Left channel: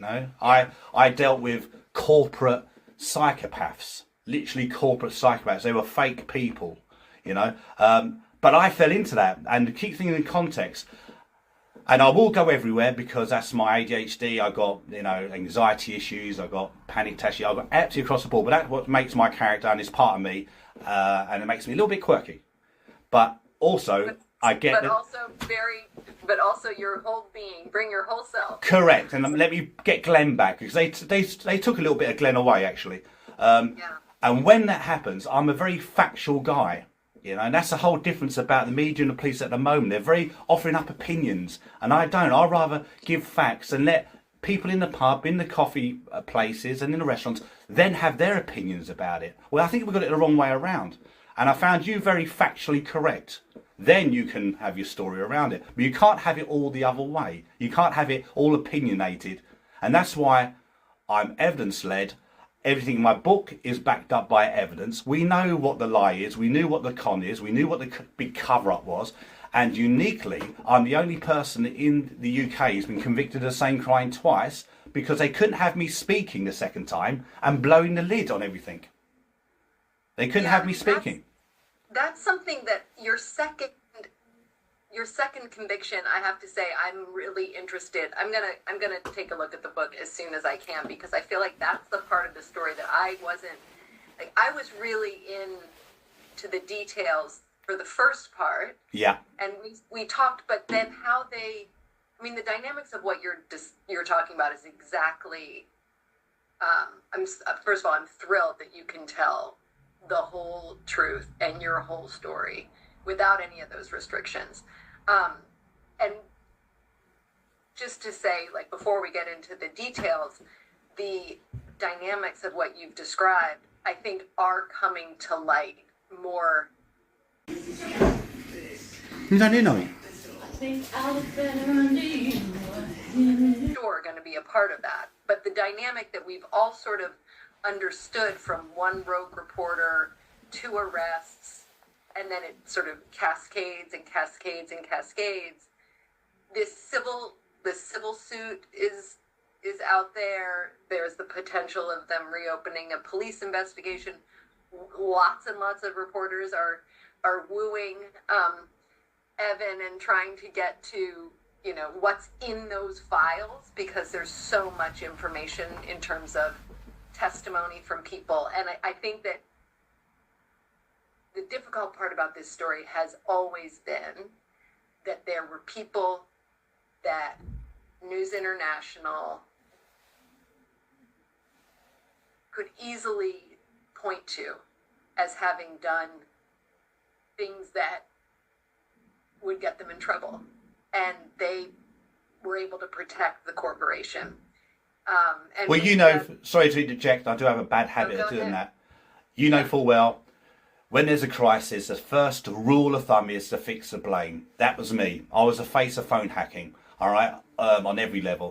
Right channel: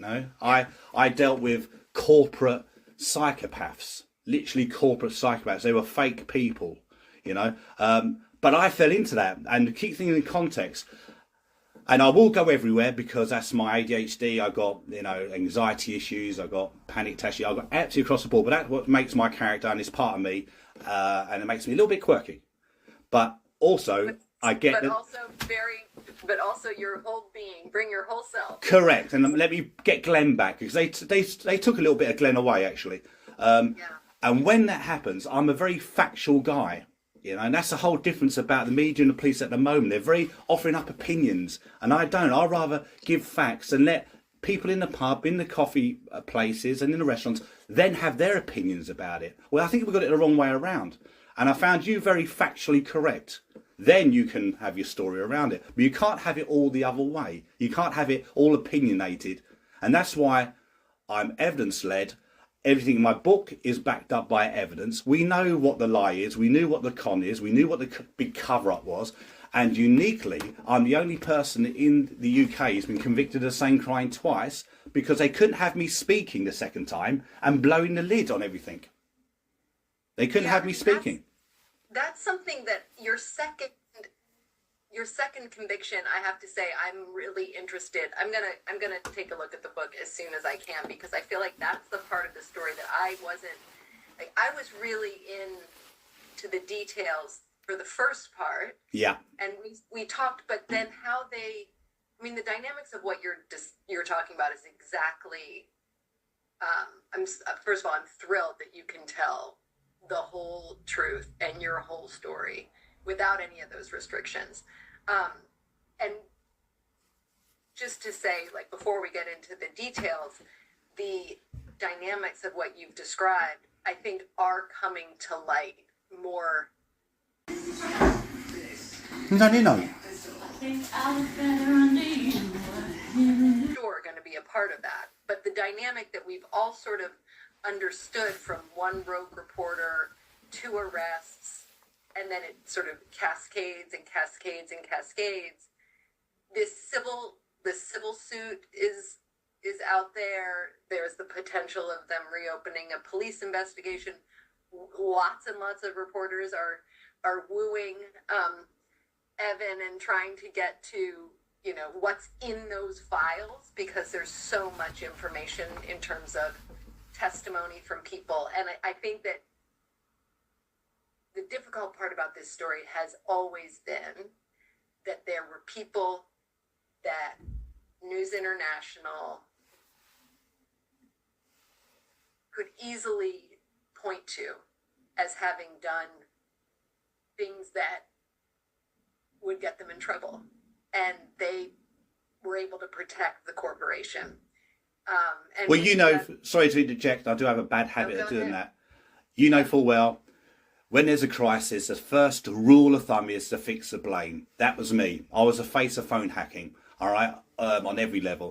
No, I dealt with corporate psychopaths, literally corporate psychopaths. They were fake people, you know. But I fell into that, and to keep things in context. And I will go everywhere because that's my ADHD. I got, anxiety issues. I got panic attacks. I got absolutely across the board. But that's what makes my character and is part of me, and it makes me a little bit quirky. But also, but also your whole being. Bring your whole self. Correct. And let me get Glenn back because they took a little bit of Glenn away actually. And when that happens, I'm a very factual guy. And that's the whole difference about the media and the police at the moment. They're very offering up opinions, and I don't. I'd rather give facts and let people in the pub, in the coffee places and in the restaurants then have their opinions about it. Well, I think we've got it the wrong way around. And I found you very factually correct. Then you can have your story around it. But you can't have it all the other way. You can't have it all opinionated. And that's why I'm evidence-led. Everything in my book is backed up by evidence. We know what the lie is. We knew what the con is. We knew what the big cover-up was. And uniquely, I'm the only person in the UK who's been convicted of the same crime twice because they couldn't have me speaking the second time and blowing the lid on everything. They couldn't have me speaking. That's something that your second conviction, I have to say, I'm really interested. I'm gonna take a look at the book as soon as I can because I feel like that's the part of the story that I wasn't like. I was really into the details for the first part. Yeah. And we talked, but then the dynamics of what you're talking about is exactly. First of all, I'm thrilled that you can tell the whole truth and your whole story without any of those restrictions. And just to say, like, before we get into the details, the dynamics of what you've described, I think, are coming to light more. Sure, going to be a part of that. But the dynamic that we've all sort of understood from one rogue reporter to arrests, and then it sort of cascades and cascades and cascades. This civil suit is out there. There's the potential of them reopening a police investigation. Lots and lots of reporters are wooing Evan and trying to get to what's in those files because there's so much information in terms of testimony from people. And I think that the difficult part about this story has always been that there were people that News International could easily point to as having done things that would get them in trouble. And they were able to protect the corporation. Sorry to interject, I do have a bad habit of doing that. You know full well, when there's a crisis, the first rule of thumb is to fix the blame. That was me. I was the face of phone hacking, all right, on every level.